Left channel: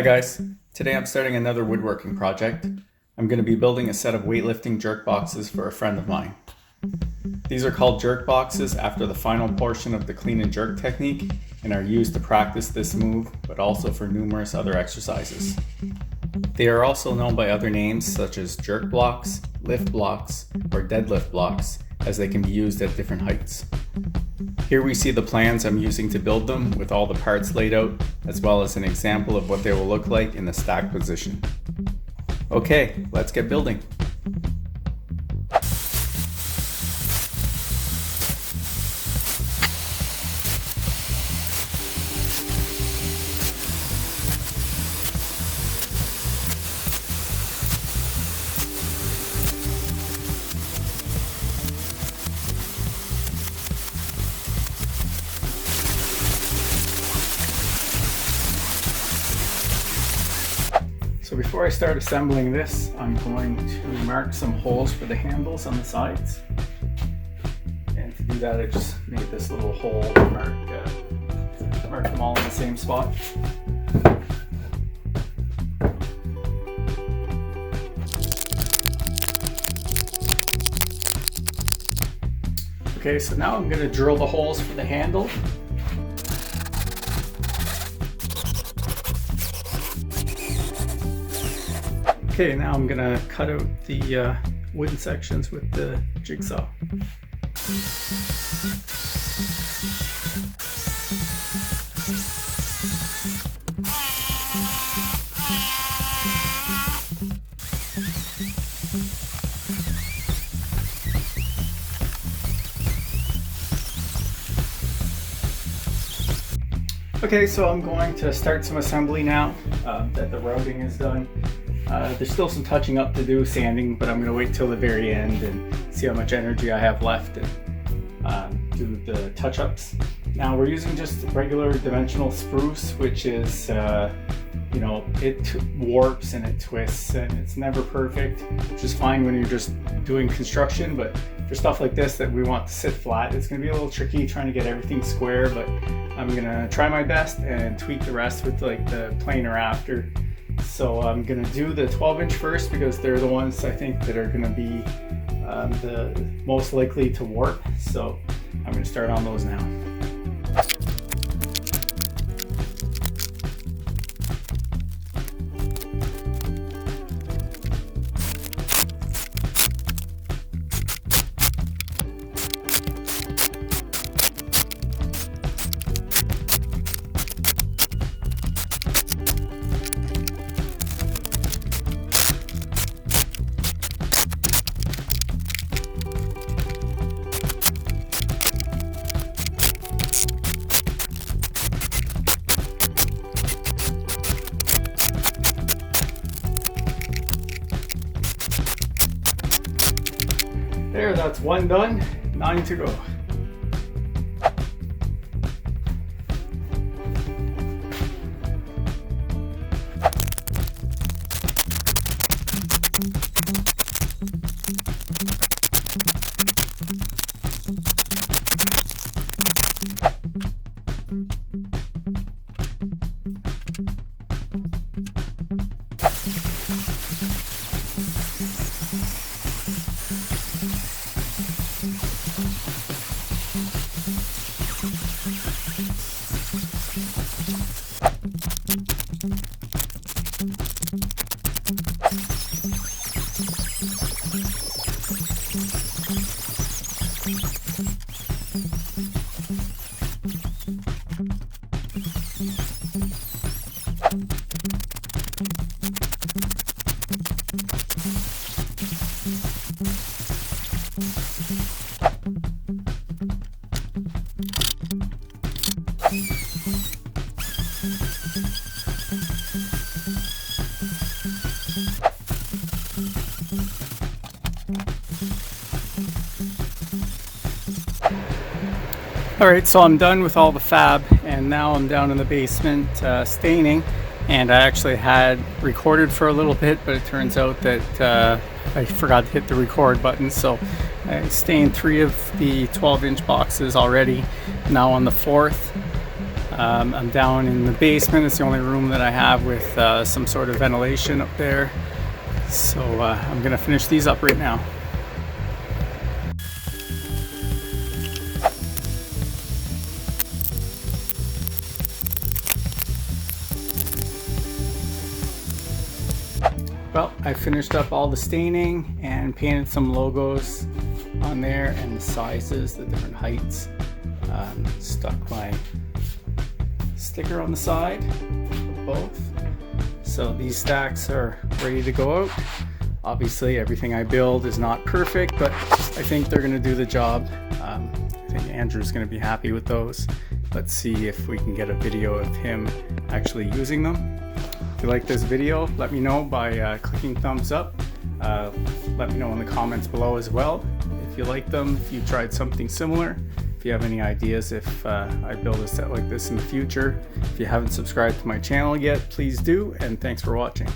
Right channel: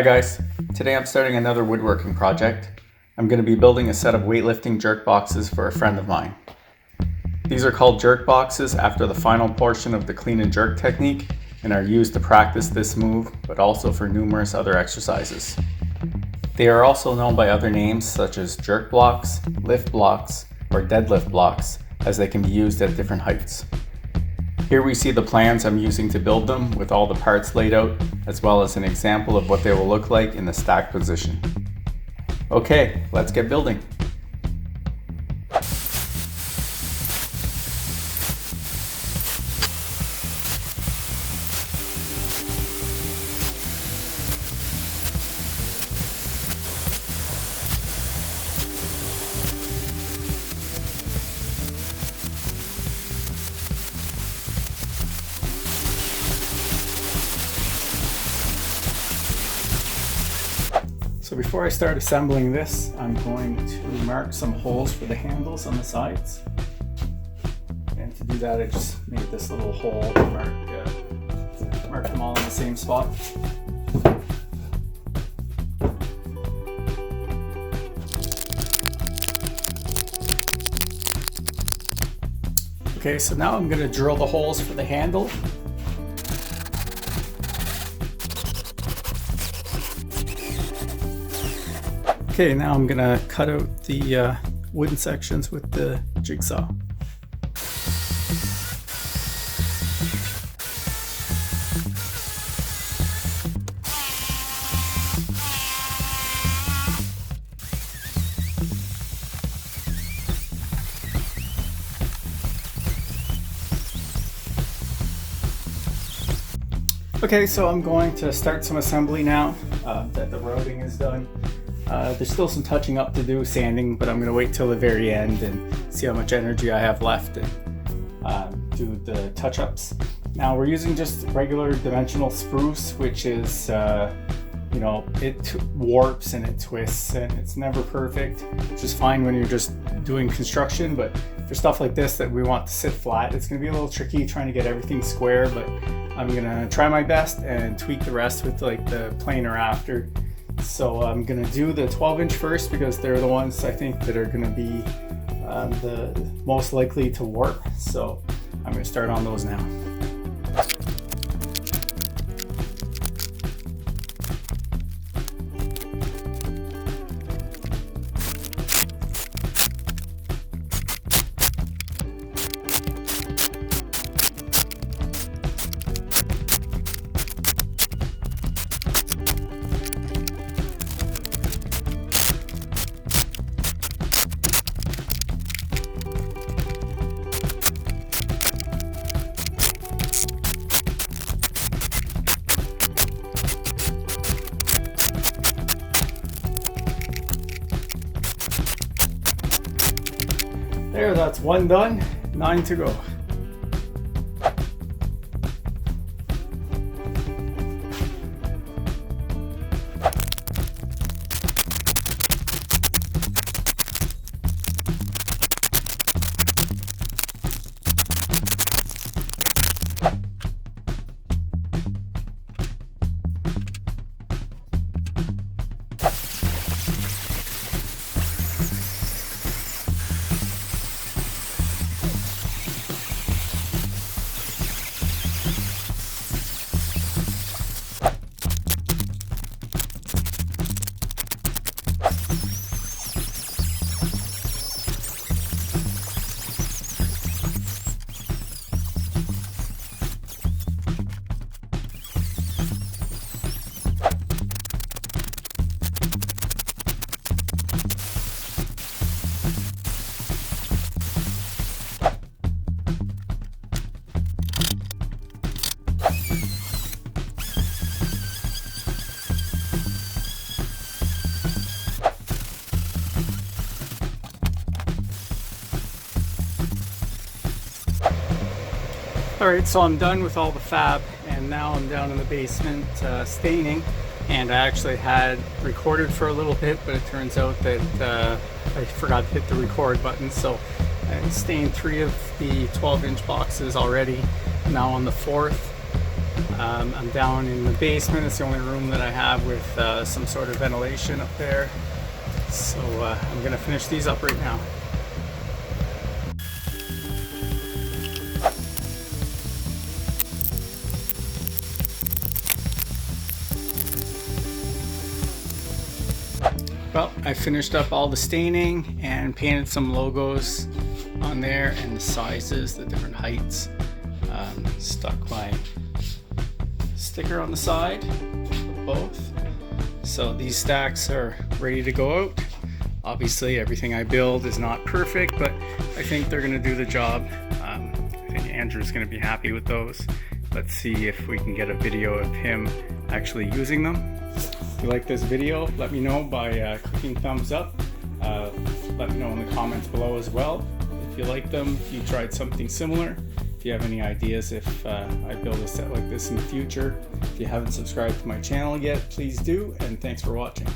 Hi guys, today I'm starting another woodworking project. I'm going to be building a set of weightlifting jerk boxes for a friend of mine. These are called jerk boxes after the final portion of the clean and jerk technique and are used to practice this move, but also for numerous other exercises. They are also known by other names such as jerk blocks, lift blocks, or deadlift blocks, as they can be used at different heights. Here we see the plans I'm using to build them with all the parts laid out, as well as an example of what they will look like in the stacked position. Okay, let's get building. So before I start assembling this, I'm going to mark some holes for the handles on the sides. And to do that, I just made this little hole and mark them all in the same spot. Okay, so now I'm going to drill the holes for the handle. Okay, now I'm gonna cut out the wooden sections with the jigsaw. Okay, so I'm going to start some assembly now that the routing is done. There's still some touching up to do, sanding, but I'm going to wait till the very end and see how much energy I have left and do the touch-ups. Now we're using just regular dimensional spruce, which is, it warps and it twists and it's never perfect, which is fine when you're just doing construction, but for stuff like this that we want to sit flat, it's going to be a little tricky trying to get everything square, but I'm going to try my best and tweak the rest with like the planer after. So I'm going to do the 12-inch first because they're the ones I think that are going to be the most likely to warp. So I'm going to start on those now. There, that's one done, 9 to go. Alright, so I'm done with all the fab and now I'm down in the basement staining, and I actually had recorded for a little bit, but it turns out that I forgot to hit the record button, so I stained 3 of the 12-inch boxes already, now on the 4th. I'm down in the basement. It's the only room that I have with some sort of ventilation up there. So I'm gonna finish these up right now. Well, I finished up all the staining and painted some logos on there and the sizes, the different heights. Stuck my sticker on the side of both. So these stacks are ready to go out. Obviously everything I build is not perfect, but I think they're going to do the job. I think Andrew's going to be happy with those. Let's see if we can get a video of him actually using them. If you like this video, let me know by clicking thumbs up. Let me know in the comments below as well if you like them, if you tried something similar. If you have any ideas if I build a set like this in the future. If you haven't subscribed to my channel yet, please do, and thanks for watching.